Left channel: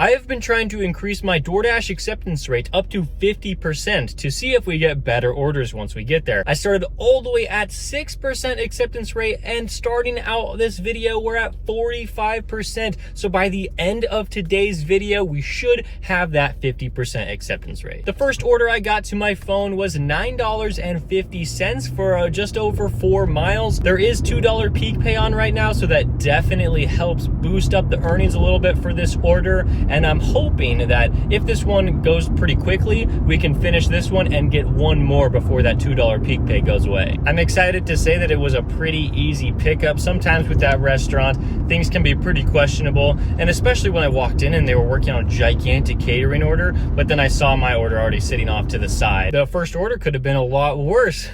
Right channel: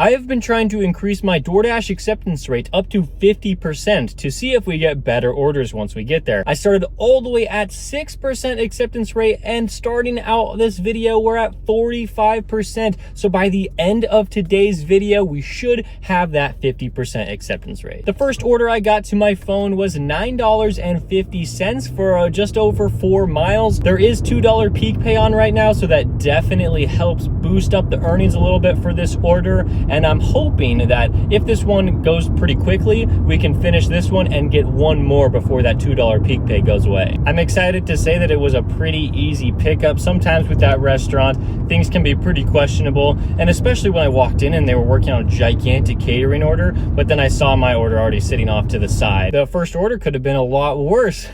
I have been trying to increase my DoorDash acceptance rate up to 50% to see if we get better orders once we get there. I started all the way at 6% acceptance rate, and starting out this video, we're at 45%. So by the end of today's video, we should have that 50% acceptance rate. The first order I got to my phone was $9.50 for just over 4 miles. There is $2 peak pay on right now, so that definitely helps boost up the earnings a little bit for this order. And I'm hoping that if this one goes pretty quickly, we can finish this one and get one more before that $2 peak pay goes away. I'm excited to say that it was a pretty easy pickup. Sometimes with that restaurant, things can be pretty questionable. And especially when I walked in and they were working on a gigantic catering order, but then I saw my order already sitting off to the side. The first order could have been a lot worse.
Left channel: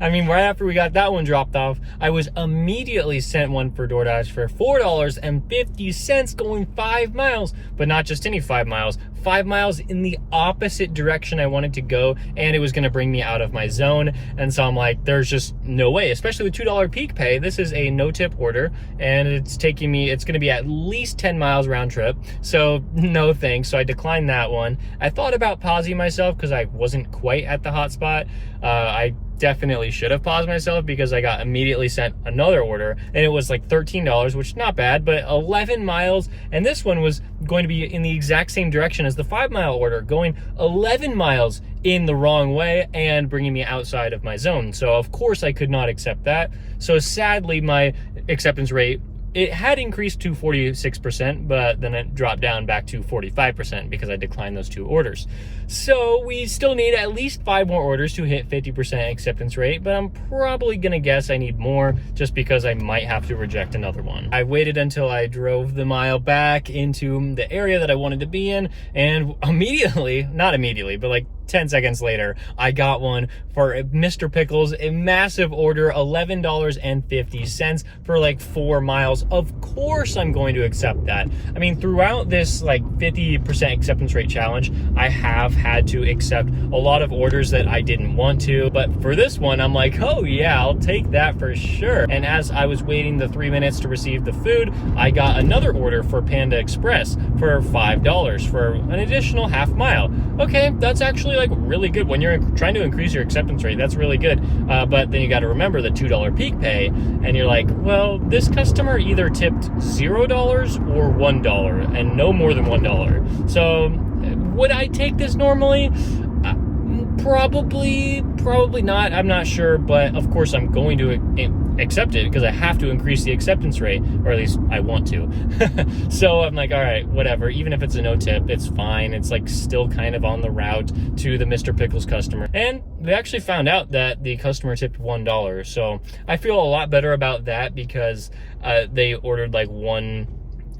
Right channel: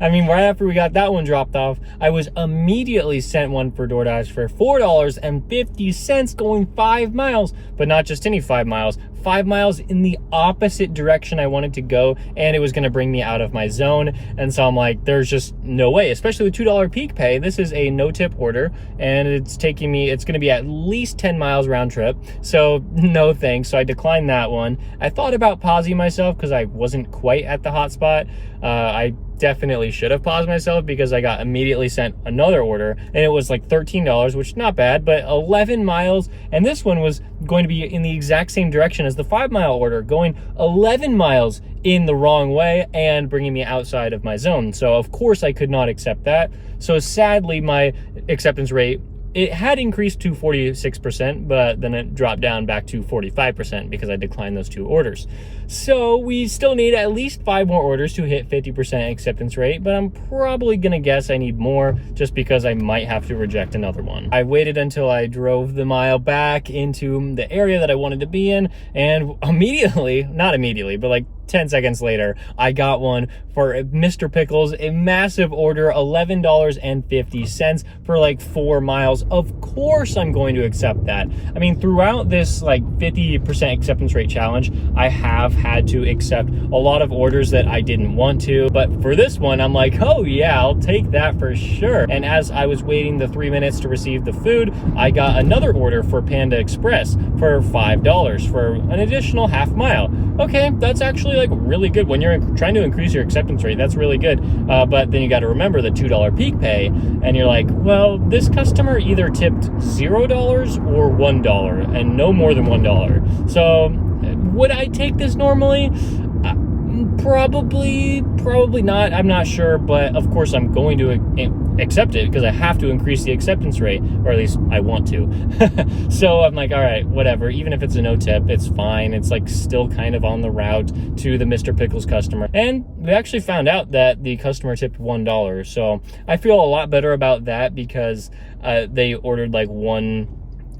I mean, right after we got that one dropped off, I was immediately sent one for DoorDash for $4.50 going 5 miles. But not just any 5 miles, 5 miles in the opposite direction I wanted to go, and it was going to bring me out of my zone. And so I'm like, there's just no way, especially with $2 peak pay. This is a no tip order, and it's taking me, it's going to be at least 10 miles round trip. So no thanks. So I declined that one. I thought about pausing myself because I wasn't quite at the hotspot. I definitely should have paused myself because I got immediately sent another order, and it was like $13, which is not bad, but 11 miles. And this one was going to be in the exact same direction as the 5 mile order, going 11 miles in the wrong way and bringing me outside of my zone. So of course I could not accept that. So sadly, my acceptance rate, it had increased to 46%, but then it dropped down back to 45% because I declined those 2 orders. So we still need at least 5 more orders to hit 50% acceptance rate, but I'm probably gonna guess I need more just because I might have to reject another one. I waited until I drove the mile back into the area that I wanted to be in, and immediately, not immediately, but like 10 seconds later, I got one for Mr. Pickles, a massive order, $11.50 for like 4 miles. Of course I'm going to accept that. I mean, throughout this like 50% acceptance rate challenge, I have had to accept a lot of orders that I didn't want to, but for this one, I'm like, oh yeah, I'll take that for sure. And as I was waiting the 3 minutes to receive the food, I got another order for Panda Express for $5 for an additional half mile. Okay, that's actually like really good when you're trying to increase your acceptance rate. That's really good. But then you got to remember the $2 peak pay, and you're like, well, this customer either tipped $0 or $1 and no more than $1. So would I take this normally? Probably not. I'm not sure, but of course I'm going to accept it because I have to increase the acceptance rate, or at least I want to. So I'm like, all right, whatever. Even if it's a no tip, it's fine. It's like still kind of on the route to the Mr. Pickles customer. And we actually found out that the customer tipped $1. So I feel a lot better about that because they ordered like one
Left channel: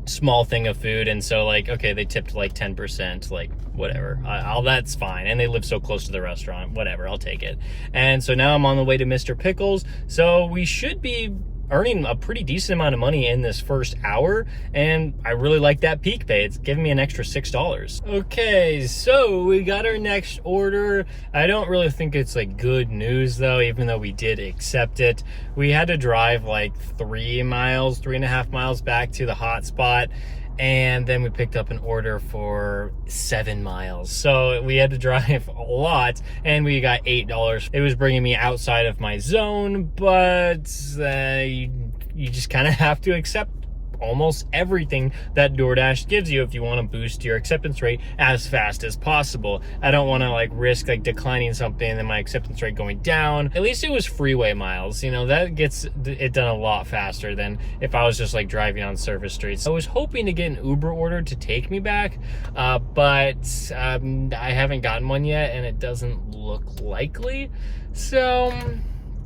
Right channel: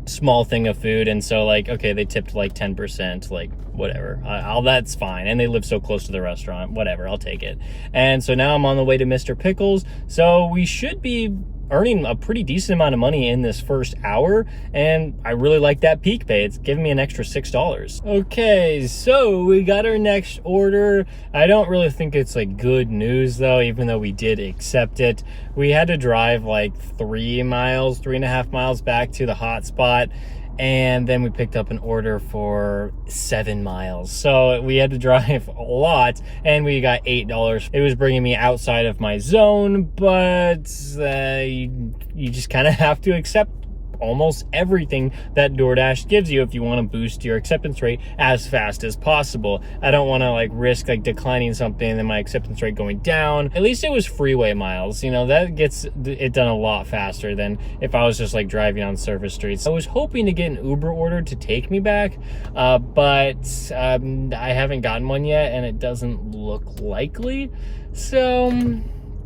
small thing of food, and so like, okay, they tipped like 10%, like whatever, that's fine, and they live so close to the restaurant, whatever, I'll take it. And so now I'm on the way to Mr. Pickles, so we should be earning a pretty decent amount of money in this first hour, and I really like that peak pay. It's giving me an extra $6. Okay, so we got our next order. I don't really think it's like good news though, even though we did accept it. We had to drive like 3.5 miles back to the hotspot, and then we picked up an order for 7 miles. So we had to drive a lot, and we got $8. It was bringing me outside of my zone, but you just kind of have to accept almost everything that DoorDash gives you if you want to boost your acceptance rate as fast as possible. I don't want to like risk like declining something and then my acceptance rate going down. At least it was freeway miles, you know, that gets it done a lot faster than if I was just like driving on surface streets. I was hoping to get an Uber order to take me back, but I haven't gotten one yet, and it doesn't look likely. So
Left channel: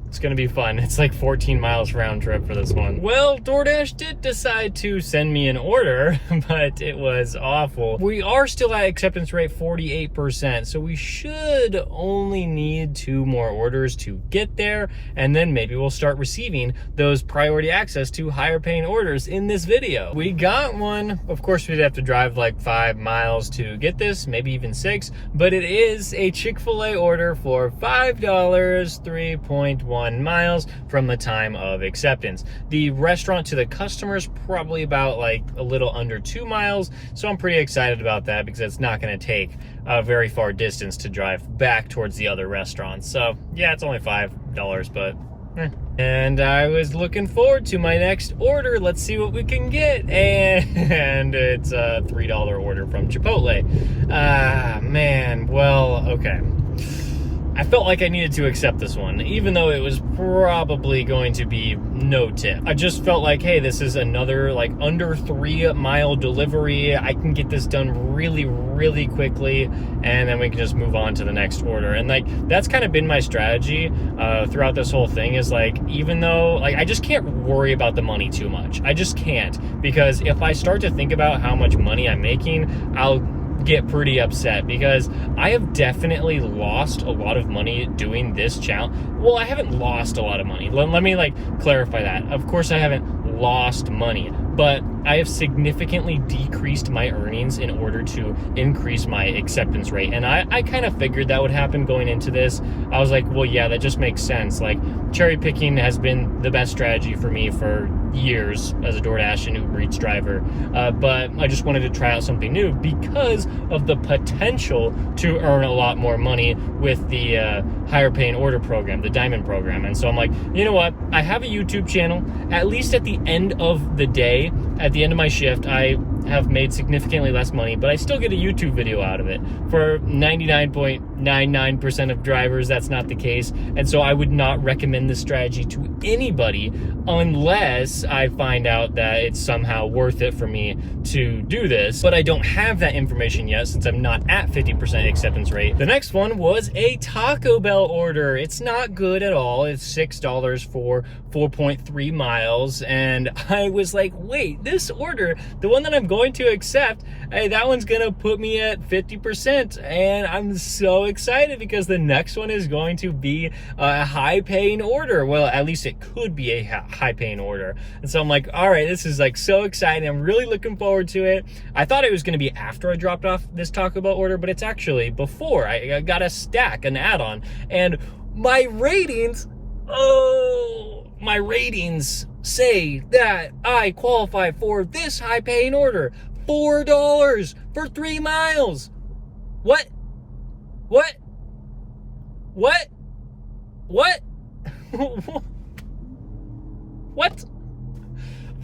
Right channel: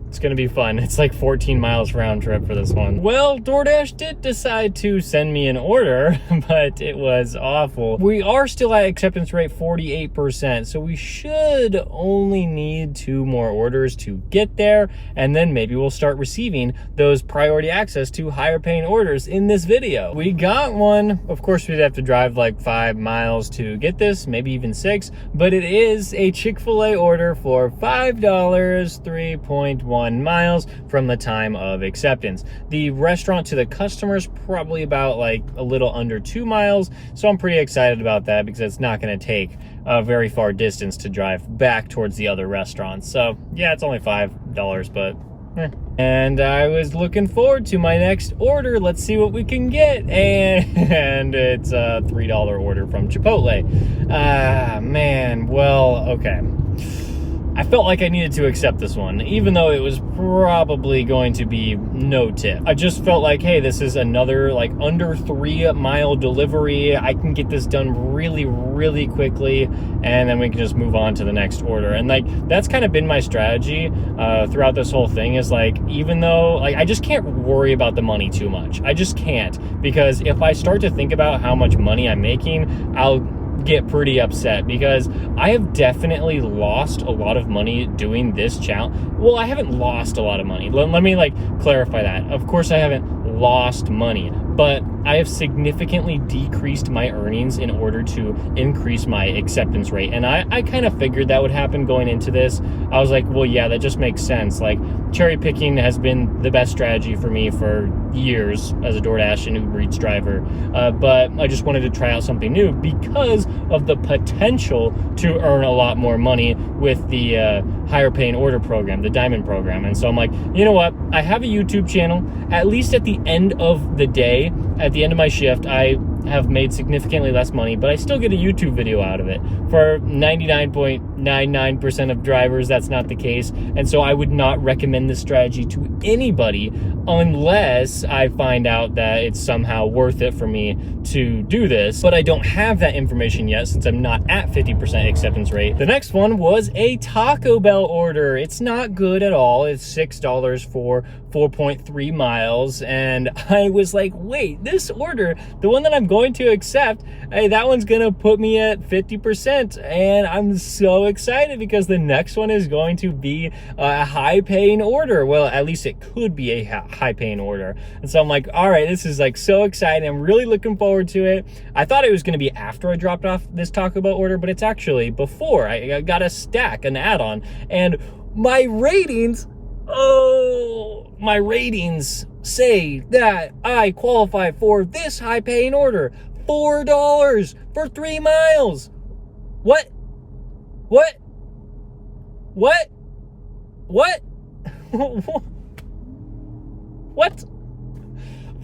it's gonna be fun. It's like 14 miles round trip for this one. Well, DoorDash did decide to send me an order, but it was awful. We are still at acceptance rate 48%, so we should only need 2 more orders to get there, and then maybe we'll start receiving those priority access to higher paying orders in this video. We got one. Of course, we'd have to drive like 5 miles to get this, maybe even 6, but it is a Chick-fil-A order for $5, 3.1 51 miles from the time of acceptance. The restaurant to the customer is probably about like a little under 2 miles, so I'm pretty excited about that because it's not going to take a very far distance to drive back towards the other restaurants. So yeah, it's only $5, but and I was looking forward to my next order. Let's see what we can get. And it's a $3 order from Chipotle. Man, well, okay. I felt like I needed to accept this one, even though it was probably going to be no tip. I just felt like, hey, this is another like under 3 mile delivery. I can get this done really, really quickly, and then we can just move on to the next order. And like, that's kind of been my strategy throughout this whole thing, is like, even though like I just can't worry about the money too much. I just can't, because if I start to think about how much money I'm making, I'll get pretty upset, because I have definitely lost a lot of money doing this challenge. Well, I haven't lost a lot of money. Let me like clarify that. Of course I haven't lost money, but I have significantly decreased my earnings in order to increase my acceptance rate. And I kind of figured that would happen going into this. I was like, well, yeah, that just makes sense. Like, cherry picking has been the best strategy for me for years as a DoorDash and Uber Eats driver. But I just wanted to try out something new because of the potential to earn a lot more money with the higher paying order program, the Diamond program. And so I'm like, you know what? I have a YouTube channel. At least at the end of the day, at the end of my shift, I have made significantly less money, but I still get a YouTube video out of it. For 99.99% of drivers, that's not the case. And so I would not recommend this strategy to anybody unless I find out that it's somehow worth it for me to do this. But I don't have that information yet, since I'm not at 50% acceptance rate. The next one was a Taco Bell order. It's not good at all. It's $6 for 4.3 miles. And I was like, wait, this order, the one that I'm going to accept, hey, that one's gonna put me at 50%. And I'm so excited because the next one is going to be a high paying order. Well, at least it could be a high paying order. And so I'm like, all right, this is like so exciting. I'm really looking forward to it. I thought it was going to be after I dropped off this Taco Bell order, but it's actually before. I got a stack, an add-on, and my ratings, my ratings say that I qualify for this high paying order. $4 for 3 miles. What? What? What? What? What?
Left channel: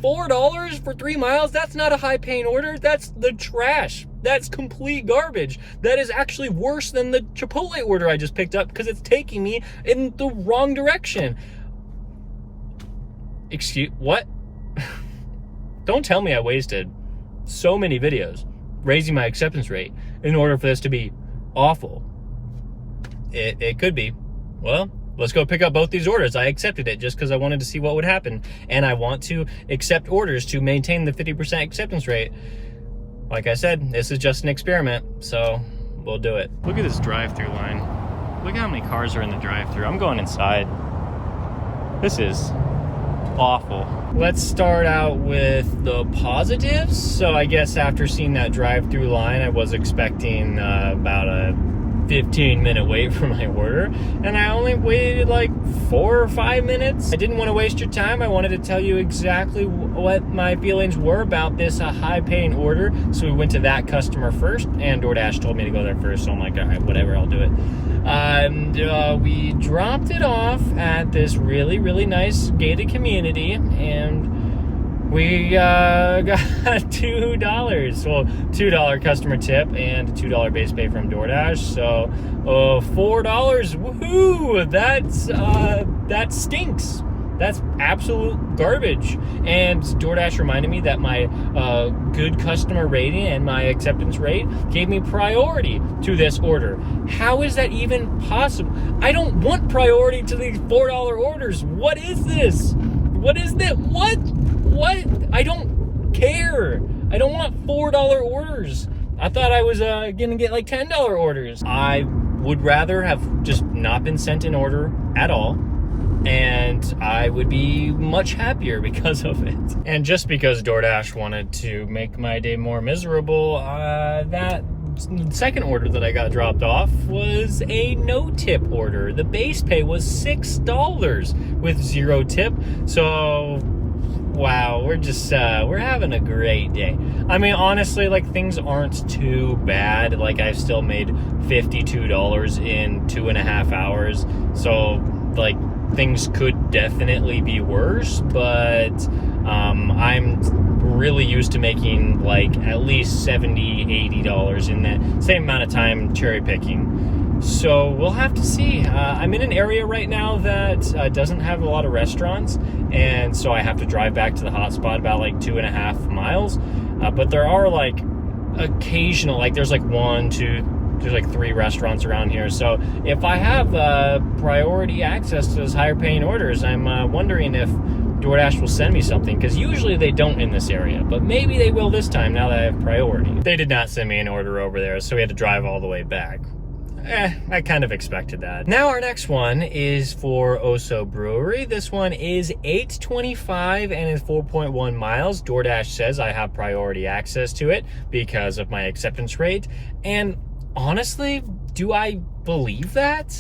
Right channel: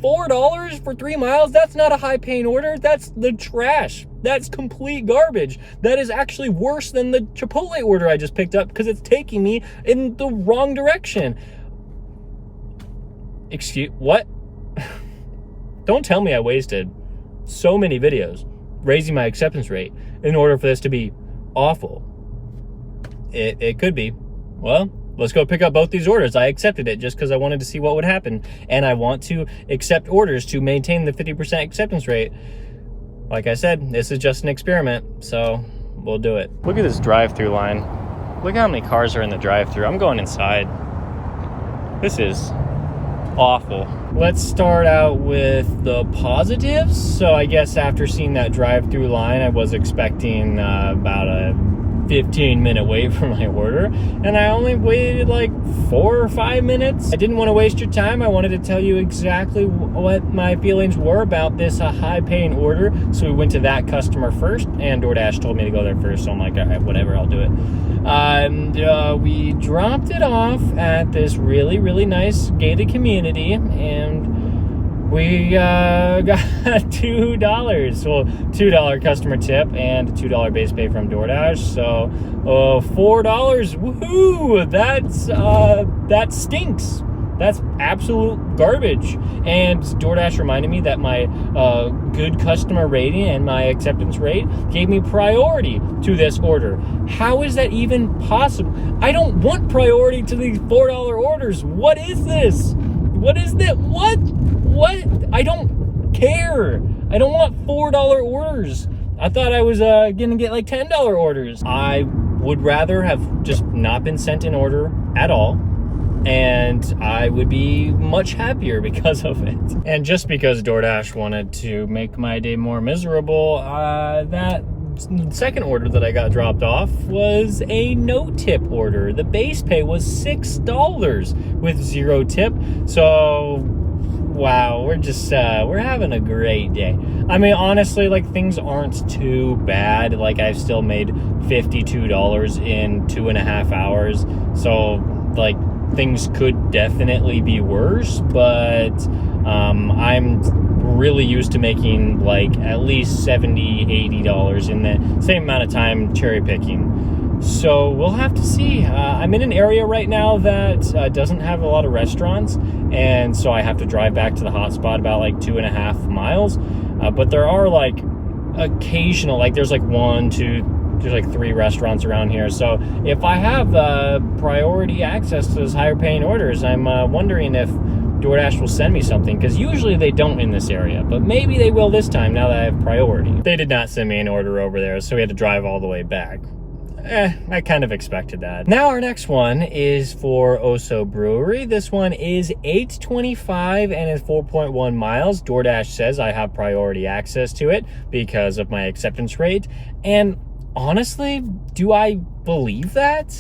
$4 for 3 miles? That's not a high paying order. That's the trash. That's complete garbage. That is actually worse than the Chipotle order I just picked up, because it's taking me in the wrong direction. Excuse, what? Don't tell me I wasted so many videos raising my acceptance rate in order for this to be awful. It could be. Well, let's go pick up both these orders. I accepted it just because I wanted to see what would happen. And I want to accept orders to maintain the 50% acceptance rate. Like I said, this is just an experiment, so we'll do it. Look at this drive-through line. Look how many cars are in the drive-through. I'm going inside. This is awful. Let's start out with the positives. So I guess after seeing that drive-through line, I was expecting about a 15-minute wait for my order, and I only waited like 4 or 5 minutes. I didn't want to waste your time. I wanted to tell you exactly what my feelings were about this high-paying order. So we went to that customer first, and DoorDash told me to go there first. So I'm like, all right, whatever, I'll do it. And we dropped it off at this really, really nice gated community, and we got $2. Well, $2 customer tip and $2 base pay from DoorDash. So $4. Woohoo! That stinks. That's absolute garbage. And DoorDash reminded me that my good customer rating and my acceptance rate gave me priority to this order. How is that even possible? I don't want priority to these $4 orders. What is this? What is that? What? I don't care. I don't want $4 orders. I thought I was gonna get like $10 orders. I would rather have just not been sent an order at all, and I would be much happier because of it. And just because DoorDash wanted to make my day more miserable, that second order that I got dropped off was a no tip order. The base pay was $6 with 0 tip. So wow, we're just we're having a great day. I mean, honestly, like, things aren't too bad. Like, I've still made $52 in 2.5 hours. So like, things could definitely be worse, but I'm really used to making like at least $70-$80 in the same amount of time cherry picking. So we'll have to see. I'm in an area right now that doesn't have a lot of restaurants, and so I have to drive back to the hotspot about like 2.5 miles. But there are like occasional, like there's like there's like 3 restaurants around here. So if I have priority access to those higher paying orders, I'm wondering if DoorDash will send me something, because usually they don't in this area, but maybe they will this time now that I have priority. They did not send me an order over there, so we had to drive all the way back. I kind of expected that. Now our next one is for Oso Brewery. This one is $8.25 and is 4.1 miles. DoorDash says I have priority access to it because of my acceptance rate. And honestly, do I believe that?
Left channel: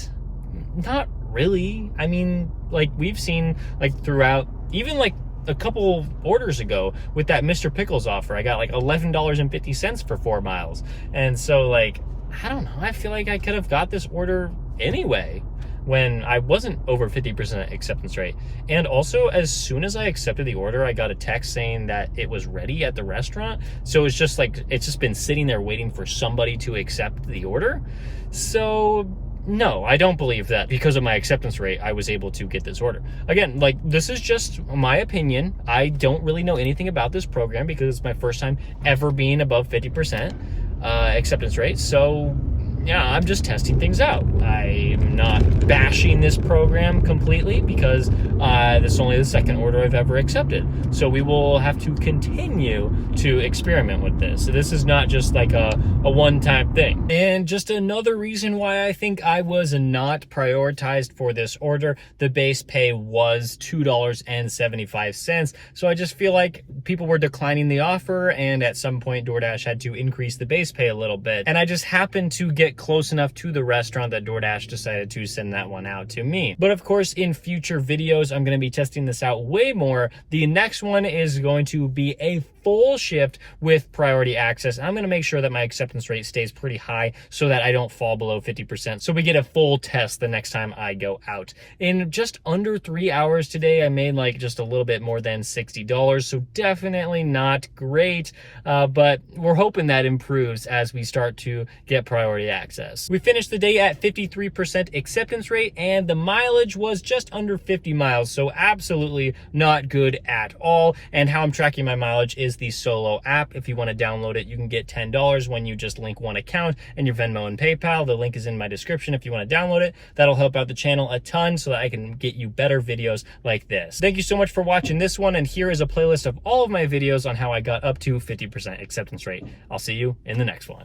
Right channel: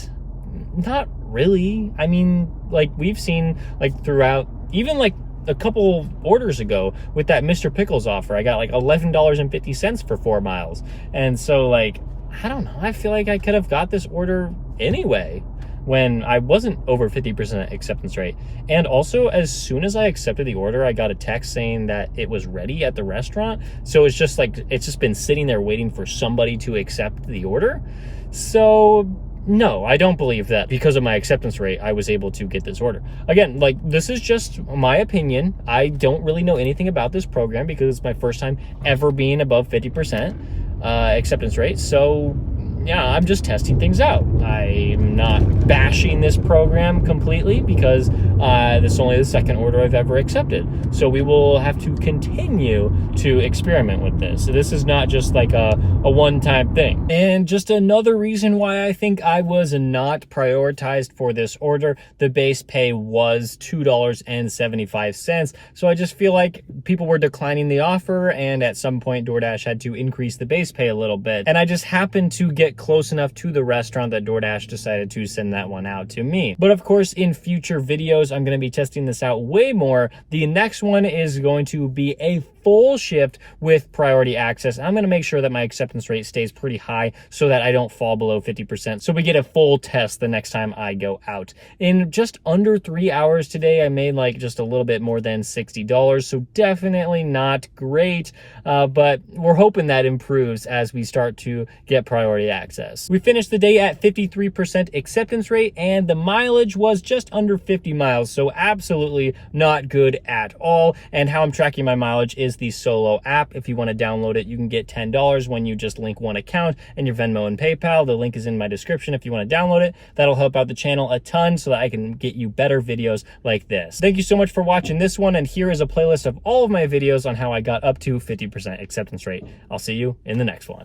Not really. I mean, like, we've seen like throughout, even like a couple orders ago with that Mr. Pickles offer, I got like $11.50 for 4 miles. And so like, I don't know, I feel like I could have got this order anyway when I wasn't over 50% acceptance rate. And also, as soon as I accepted the order, I got a text saying that it was ready at the restaurant. So it's just like, it's just been sitting there waiting for somebody to accept the order. So no, I don't believe that because of my acceptance rate, I was able to get this order. Again, like, this is just my opinion. I don't really know anything about this program because it's my first time ever being above 50% acceptance rate. So yeah, I'm just testing things out. I'm not bashing this program completely because this is only the second order I've ever accepted. So we will have to continue to experiment with this. So this is not just like a one-time thing. And just another reason why I think I was not prioritized for this order, the base pay was $2.75. So I just feel like people were declining the offer, and at some point DoorDash had to increase the base pay a little bit. And I just happened to get close enough to the restaurant that DoorDash decided to send that one out to me. But of course, in future videos, I'm going to be testing this out way more. The next one is going to be a full shift with priority access. I'm going to make sure that my acceptance rate stays pretty high so that I don't fall below 50%. So we get a full test the next time I go out. In just under 3 hours today, I made like just a little bit more than $60. So definitely not great, but we're hoping that improves as we start to get priority access. We finished the day at 53% acceptance rate, and the mileage was just under 50 miles. So absolutely not good at all. And how I'm tracking my mileage is the Solo app. If you want to download it, you can get $10 when you just link one account and your Venmo and PayPal. The link is in my description if you want to download it. That'll help out the channel a ton so that I can get you better videos like this. Thank you so much for watching this one, and here is a playlist of all of my videos on how I got up to 50% acceptance rate. I'll see you in the next one.